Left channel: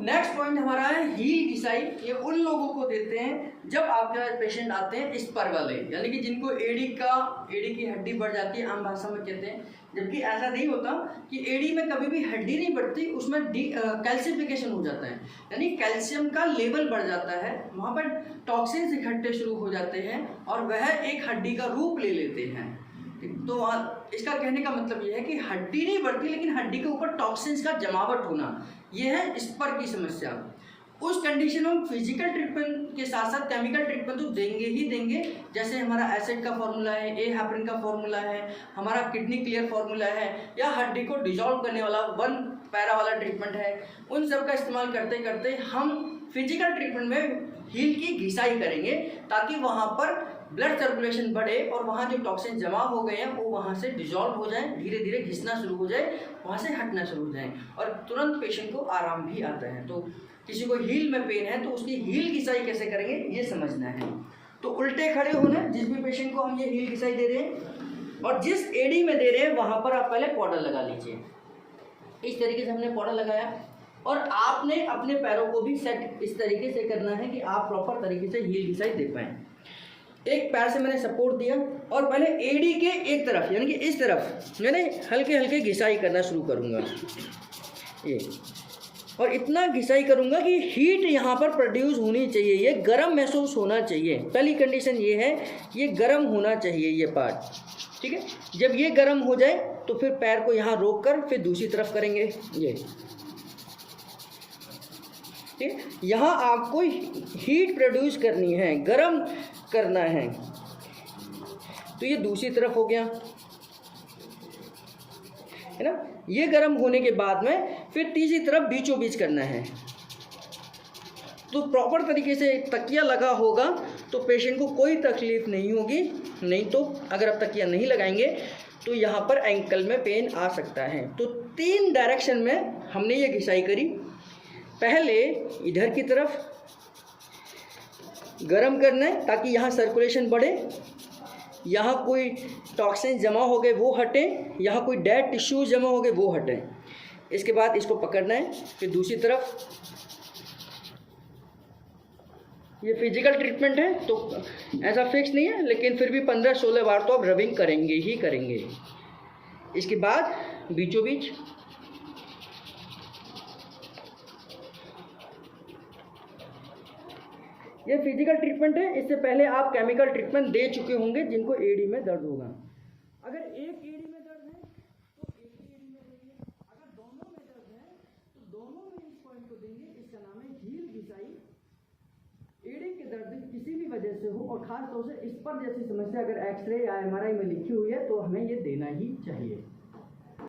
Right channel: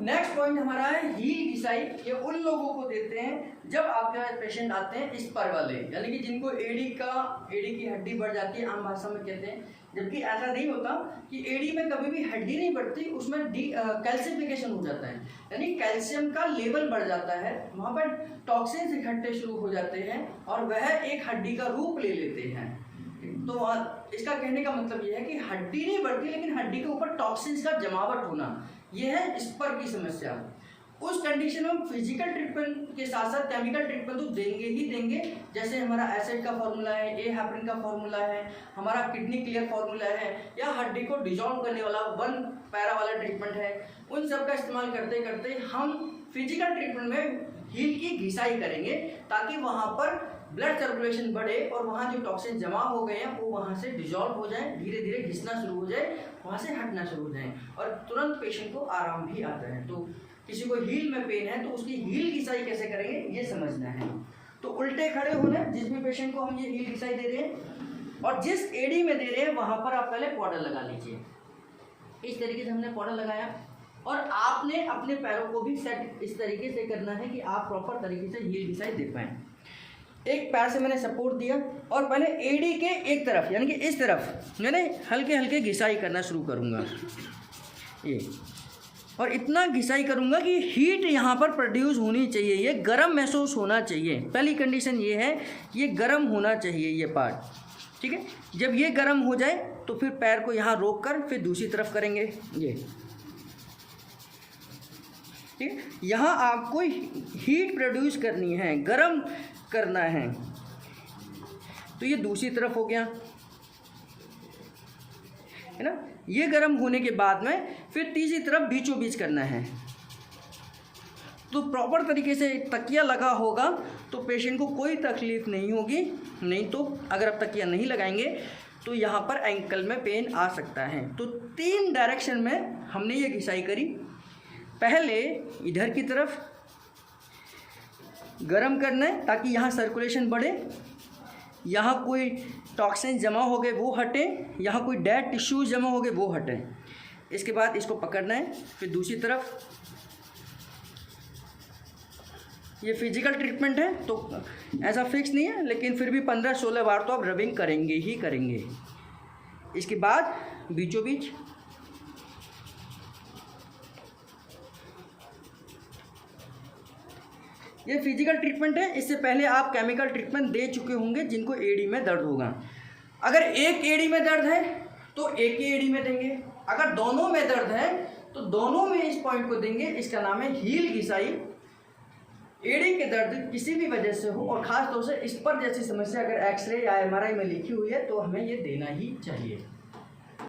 Next point हमारा है heal घिसाई। ये उन लोगों को देते हैं जब आपके पास पेशेंट आते हैं स्पर वाले, यानी कि जिनको एडी की हड्डी बढ़ जाती है, आम भाषा में कहते हैं। जबकि ऐसा नहीं होता कि एडी में कभी भी हड्डी नहीं बढ़ती, उसमें कैल्सिफिकेशन हो जाता है, यानी कैल्शियम का लेवल बढ़ जाता है, वहाँ पर टॉक्सिन्स इकट्ठे शुरू हो जाते हैं और वह एक हड्डी का रूप ले लेते हैं। तो इसका कहने का मतलब यह है कि हड्डी नहीं बढ़ती लेकिन हड्डी के ऊपर टॉक्सिन्स का जमावट होना, यह है स्पर की समस्या। उस कंडीशन में फिजिकल ट्रीटमेंट के साथ साथ केमिकल ट्रीटमेंट तो देंगे ही देंगे, जैसे हमारा एसिड का फॉर्मूला है, ए हेपरिन का फॉर्मूला है, हमारा किडनी क्लियर फॉर्मूला है, या हड्डी को डिसॉल्व करने वाला 1 पैरा वाला ट्रीटमेंट है। उन सब का इस्तेमाल करते करते हम फिजिकल ट्रीटमेंट में हील की घिसाई करेंगे ताकि वहाँ पर ब्लड सर्कुलेशन बढ़े और वहाँ जो टॉक्सिन जमा हो गए हैं वो वहाँ से डिसॉल्व हो जाए, धीरे धीरे घिसना शुरू हो जाए, वहाँ से हटना शुरू हो जाए और तुरंत पेशेंट को आराम भी आता है। तो किसी को हील में पेन है तो उसकी हील घिसाई कैसे करेंगे ये समझना है। तो उल्टे खड़े होने, जिस भी पेशेंट को हम ये हील घिसाई दे रहे हैं और जिस एडी में दे रहे हैं वहाँ पर आप पहले पाउडर लगा लीजिए। इस तरीके से हमने पाउडर लगाया और आपने अपने पैरों को भी सेट इस तरीके से करना है कि आप प्रॉपर तरीके से हील घिसाई दे पाएँ। एक पैर से मैंने सपोर्ट दिया और पहले एडी के एक तरफ यानी कि इस तरफ मैंने हल्के हल्के घिसाई करना शुरू करूँगा ये, और इतना घिसाई करूँगा कि हीट यहाँ पर प्रोड्यूस होनी चाहिए, ये गर्म महसूस होना चाहिए। पहली कंडीशन ये है कि ये गर्म होना चाहिए ये पार्ट, ठीक है। जब ये गर्म हो जाए तो फिर पैर को यहाँ रोक कर फिर दूसरी तरफ करेंगे ये, ठीक। यहाँ आपको हीट प्रोड्यूस करनी है, गर्म करना है। तो ये दूसरी तरफ हो गया है ना। ये गर्म होने के बाद में फिर तीसरी तरफ बीचों बीच करना है। तो प्रॉपर तरीके से तकिया लगा होगा तो पेशेंट को कोई तकलीफ नहीं होगी, नहीं तो अगर आप तकिया नहीं लगाएंगे तो यहाँ पर एंकल में पेन आ सकता है। तो 3 डायरेक्शन में हमने ये घिसाई करी। पहले इधर की तरफ गरम करना है ताकि यहाँ सर्कुलेशन बढ़े, यहाँ कोई टॉक्सिन जमा हो गए वो हटे, यहाँ कोई डेड टिश्यूज जमा हो गए वो हटे। इसके बाद इसको पकड़ना है, फिर दूसरी तरफ। ये फिजिकल ट्रीटमेंट है तो ऐसा फिक्स नहीं है, लेकिन फिर भी 15-16 बार तो आप रबिंग करेंगे ही करेंगे। इसके बाद बीचों बीच ये फिजिकल ट्रीटमेंट है। इससे पहले आप केमिकल ट्रीटमेंट दे चुके होंगे जिनको एडी में दर्द होगा। अगर एक एडी में दर्द है तो एक ही एडी में देंगे, अगर दोनों में दर्द है तो दोनों में इस पॉइंट को देंगे। इसका नाम है हील घिसाई। एडी के दर्द किसी भी वजह से हो और ख़ास तौर से इस पर जैसी समस्या अगर एक्सरे या MRI में लिखी हुई है तो हमें ये देना ही चाहिए।